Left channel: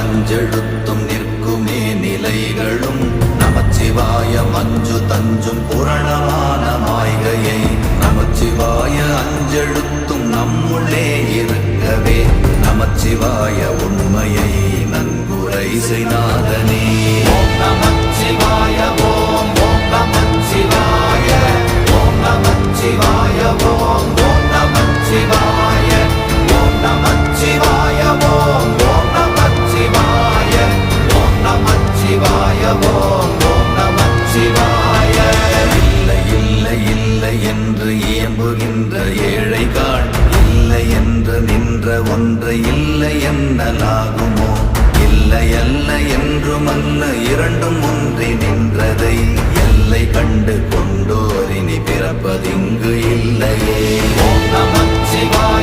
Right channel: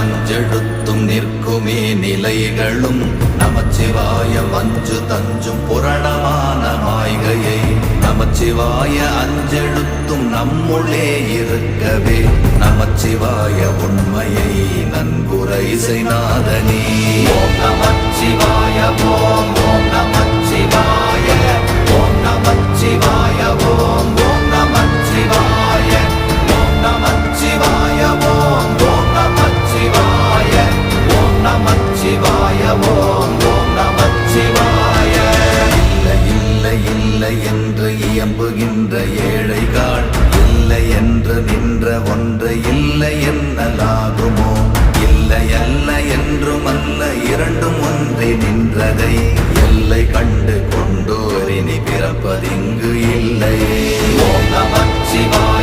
அஞ்செழுத்தும் நிற்குமே நிலைகளும் நமச்சிவாய மஞ்சு தஞ்சும் புரணமான மாய்கையை நமச்சிவாய அஞ்செழுத்தும் நம்முள்ளே இருக்கவே நமச்சிவாய உண்மையை நன்குரை செய்நாதனே. ஓம் நமச்சிவாய ஓம் ஓம் நமச்சிவாய ஓம் நமச்சிவாய ஓம் ஓம் நமச்சிவாய ஓம் நமச்சிவாய ஓம் ஓம் நமச்சிவாய ஓம் நமச்சிவாய ஓம் ஓம் நமச்சிவாய. இல்லை இல்லை இல்லை என்று இயம்புகின்ற ஏழைகாள் இல்லை என்று நின்ற ஒன்று இல்லை என்னலாகுமோ? இல்லை அல்ல என்றும் அல்ல இரண்டும் ஒன்றி நின்றதை எல்லை கண்டு கொண்டோர் இனி பிறப்பதிங்கு இல்லையே. ஓம் நமச்சிவாய